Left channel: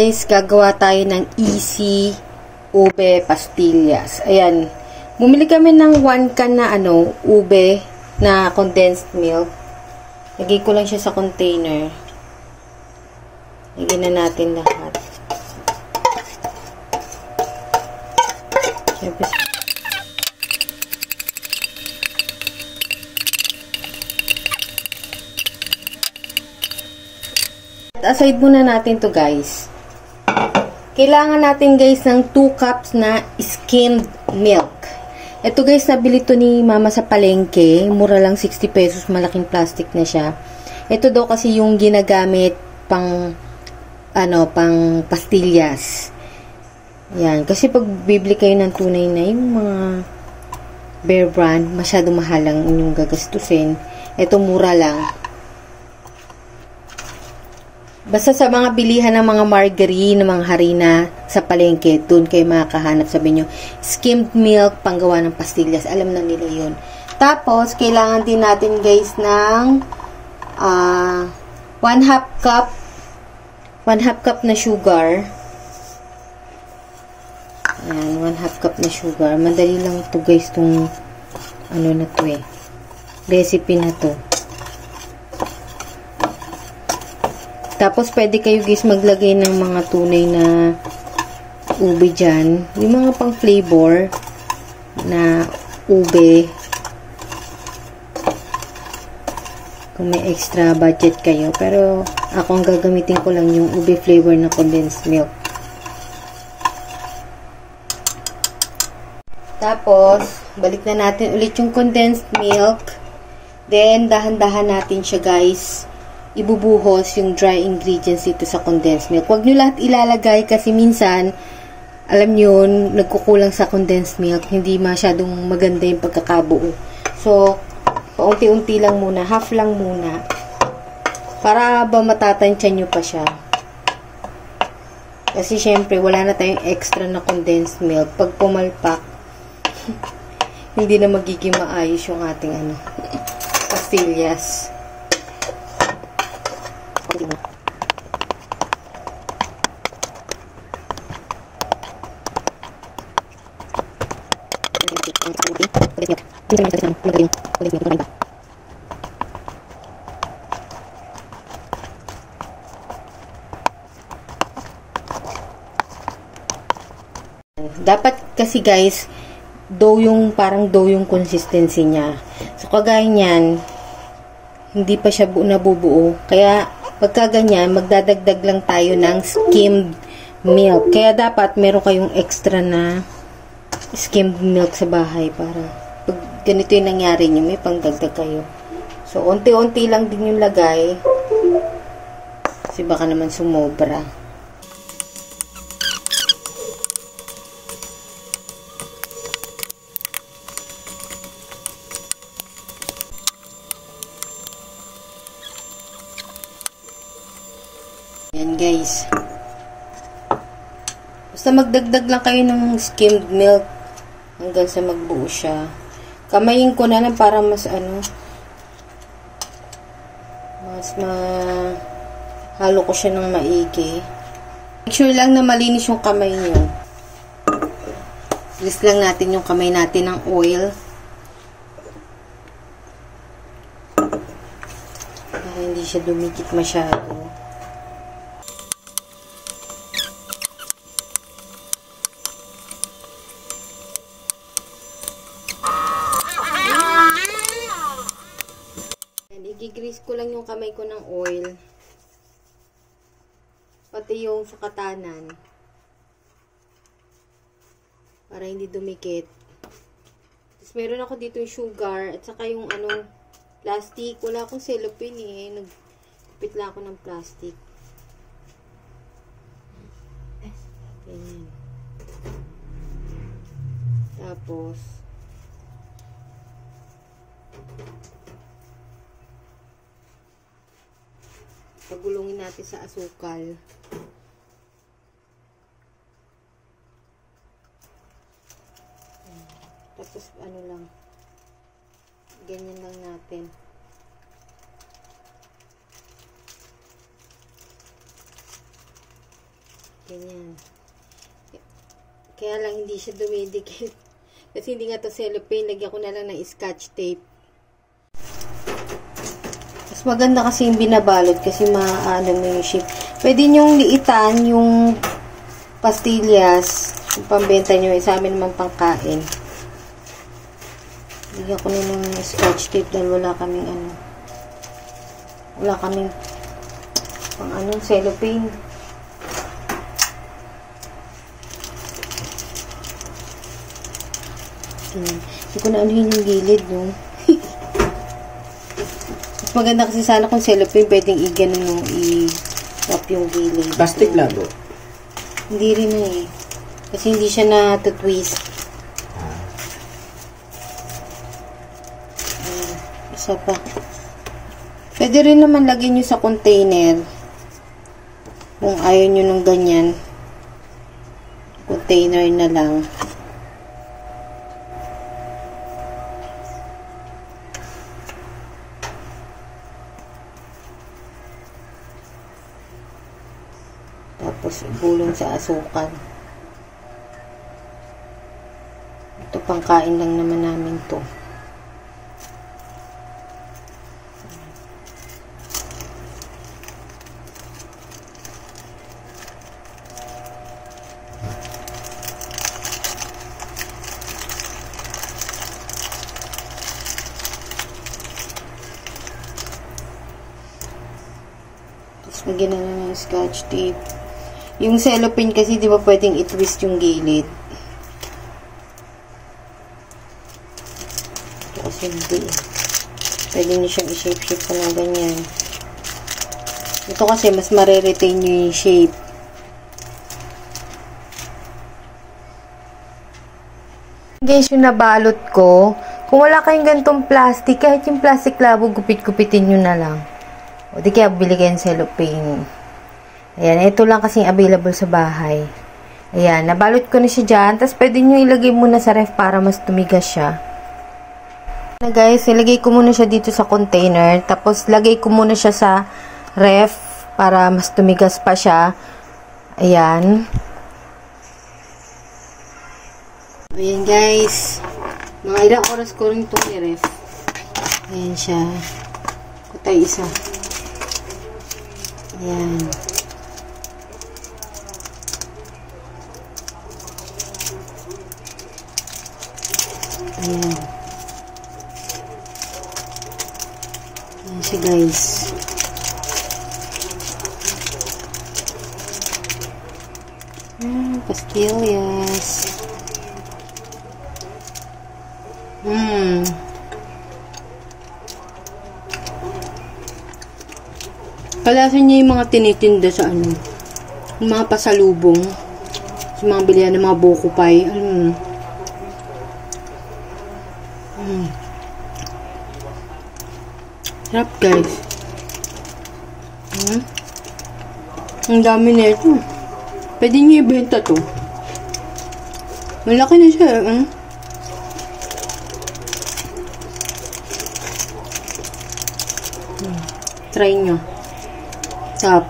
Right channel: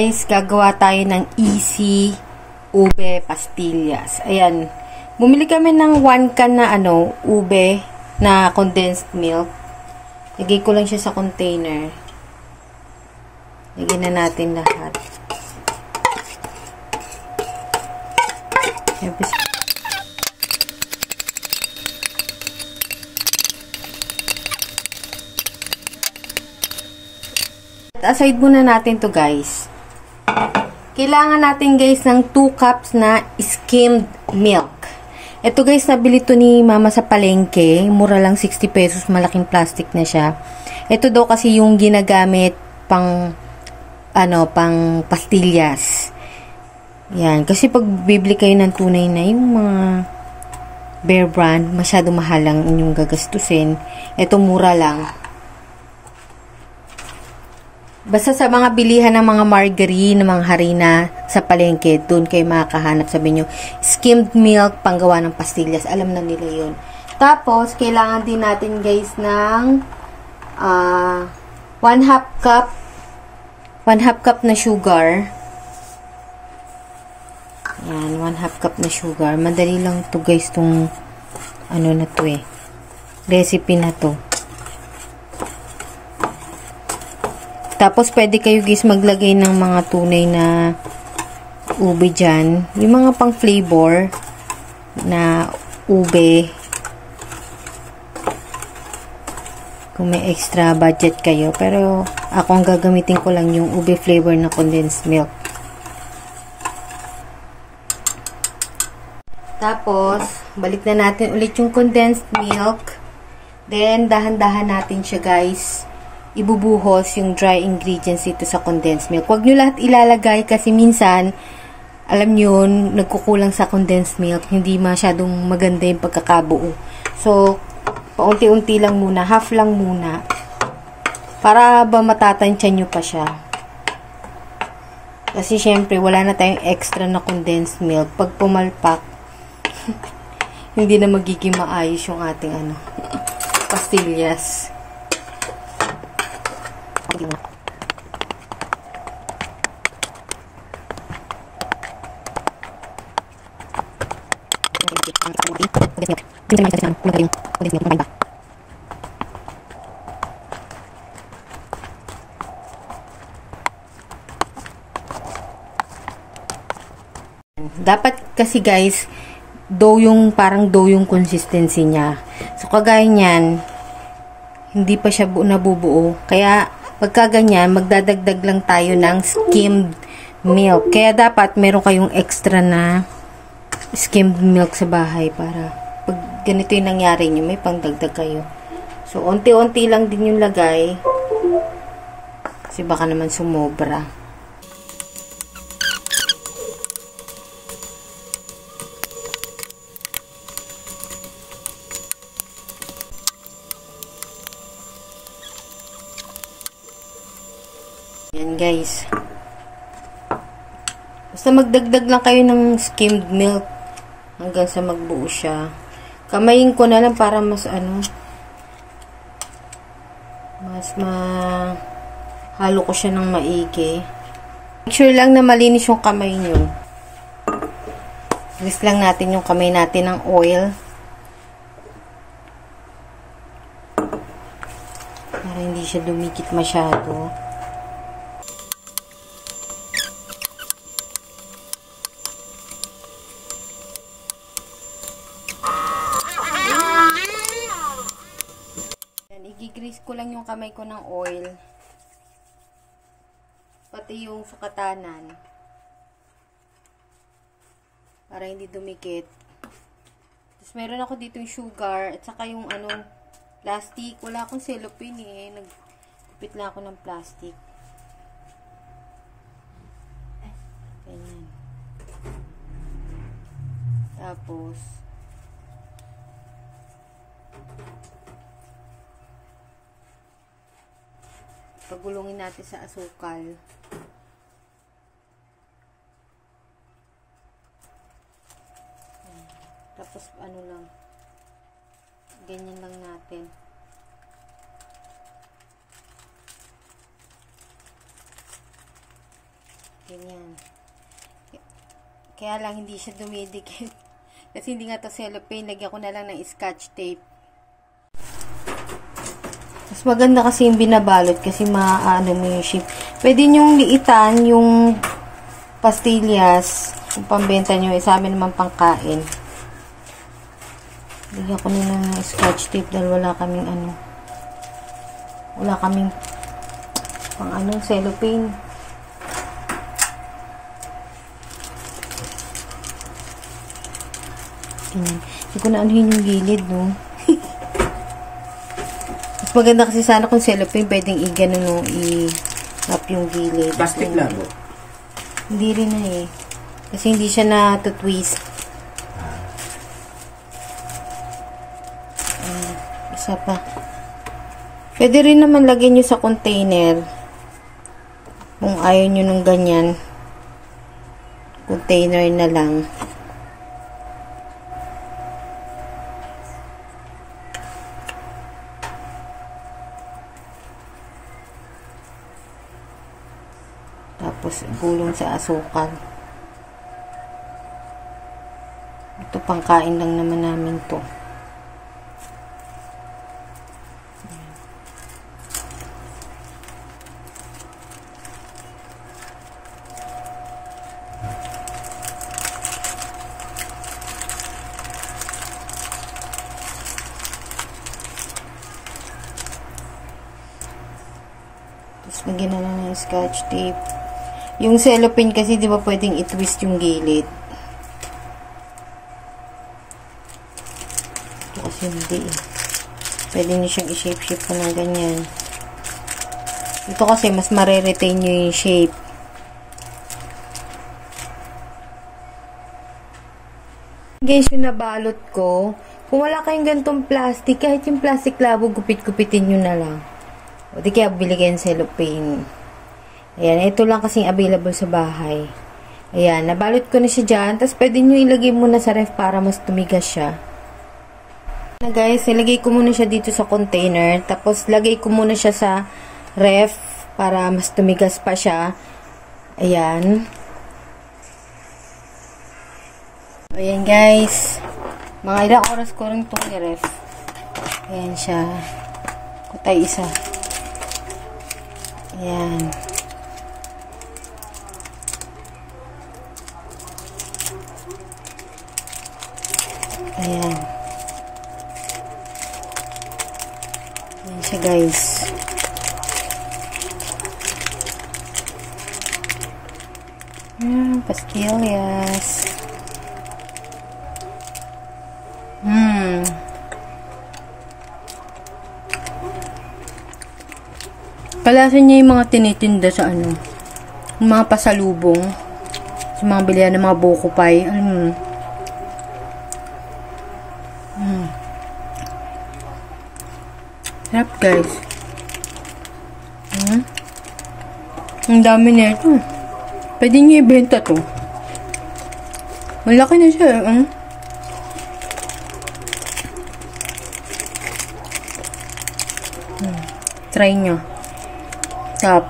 guys, gagawa tayo ng easy ube pastillas. Ayan. Bumili kami ng 1 can na ube na condensed milk. Lagay ko lang siya sa container. Lagyan na natin lahat. Siyempre, aside muna natin to guys. Kailangan natin guys ng 2 cups na skimmed milk. Ito guys, nabili to ni mama sa palengke. Mura lang 60 pesos. Malaking plastic na siya. Ito daw kasi yung ginagamit pang pang pastillas. Yan. Kasi pag bibili kayo ng tunay na yung mga Bear brand, masyado mahal lang inyong gagastusin. Ito mura lang. Basta sa mga bilihan ng mga margarine, ng mga harina sa palengke, doon kayo makakahanap. Sabi nyo, skimmed milk, panggawa ng pastillas. Alam na nila yun. Tapos, kailangan din natin guys ng 1/2 cup na sugar. Ayan, 1/2 cup na sugar. Madali lang to guys, tong na to recipe na to. Tapos, pwede kayo guys maglagay ng mga tunay na ube dyan. Yung mga pang flavor na ube. Kung may extra budget kayo. Pero, ako ang gagamitin ko lang yung ube flavor na condensed milk. Tapos, balik na natin ulit yung condensed milk. Then, dahan-dahan natin siya guys ibubuhos yung dry ingredients dito sa condensed milk. Huwag nyo lahat ilalagay kasi minsan, alam nyo, nagkukulang sa condensed milk. Hindi masyadong maganda yung pagkakabuo. So, paunti-unti lang muna. Half lang muna. Para ba matatansya nyo pa siya. Kasi syempre, wala na tayong extra na condensed milk. Pag pumalpak, hindi na magiging maayos yung ating pastillas. Dapat kasi guys, parang dough yung consistency niya. So kagaya niyan, hindi pa siya nabubuo. Kaya pagka ganyan, magdadagdag lang tayo ng skimmed milk. Kaya dapat meron kayong extra na skimmed milk sa bahay para pag ganito yung nangyari nyo, may pangdagdag kayo. So, unti-unti lang din yung lagay. Kasi baka naman sumobra. Yan guys. Basta magdagdag lang kayo ng skimmed milk hanggang sa magbuo siya. Kamayin ko na lang para mas halo ko siya ng maigi. Make sure lang na malinis yung kamay nyo. Grease lang natin yung kamay natin ng oil. Para hindi siya dumikit masyado. I-grease ko lang yung kamay ko ng oil. Pati yung sukatanan. Para hindi dumikit. Tapos meron ako dito yung sugar at saka yung plastic. Wala akong cellophane Nagpit lang ako ng plastic. Ganyan. Tapos pagulungin natin sa asukal. Tapos lang, ganyan lang natin. Kaya lang hindi siya dumidikit. Kasi hindi nga to cellophane. Lagyan ko na lang ng scotch tape. Mas maganda kasi yung binabalot kasi maaano mo yung shape. Pwede nyong liitan yung pastillas. Kung pambenta nyo, sa amin naman pangkain. Lagyan ko na ng scotch tape dahil wala kaming cellophane. Hindi ko na anuhin yung gilid, no? Mas maganda kasi sana kung cellophane, pwedeng i-wrap yung gilid. Plastic labo? Hindi rin na eh. Kasi hindi siya na-twist. Isa pa. Pwede rin naman lagyan nyo sa container. Kung ayaw nyo ng ganyan. Container na lang. Tapos, bulong sa asukal. Ito, pangkain lang naman namin to. Tapos, magyan na lang ng scotch tape. Yung cellophane kasi, di ba pwedeng i-twist yung gilid? Ito kasi hindi eh. Pwede nyo siyang i-shape-shape ko na ganyan. Ito kasi, mas mare-retain nyo yung shape. Guys, yung nabalot ko, kung wala kayong gantong plastic, kahit yung plastic labo, gupit-gupitin nyo na lang. O di kaya, bili kayong cellophane. Ayan, ito lang kasing available sa bahay. Ayan, nabalot ko na siya dyan. Tapos, pwede nyo ilagay muna sa ref para mas tumigas siya. Na guys, ilagay ko muna siya dito sa container. Tapos, lagay ko muna siya sa ref para mas tumigas pa siya. Ayan. Ayan guys. Mga ilang oras ko rin itong i-ref. Ayan siya. Kutay isa. Ayan. Ayan. Ayan siya guys. Pastillas. Kalasan niya yung mga tinitinda sa yung mga pasalubong. Sa mga bilihan ng mga buko pie. Sarap guys. Ang dami na ito. Pwede nyo ibenta to. Malaki na siya. Try nyo. Sarap.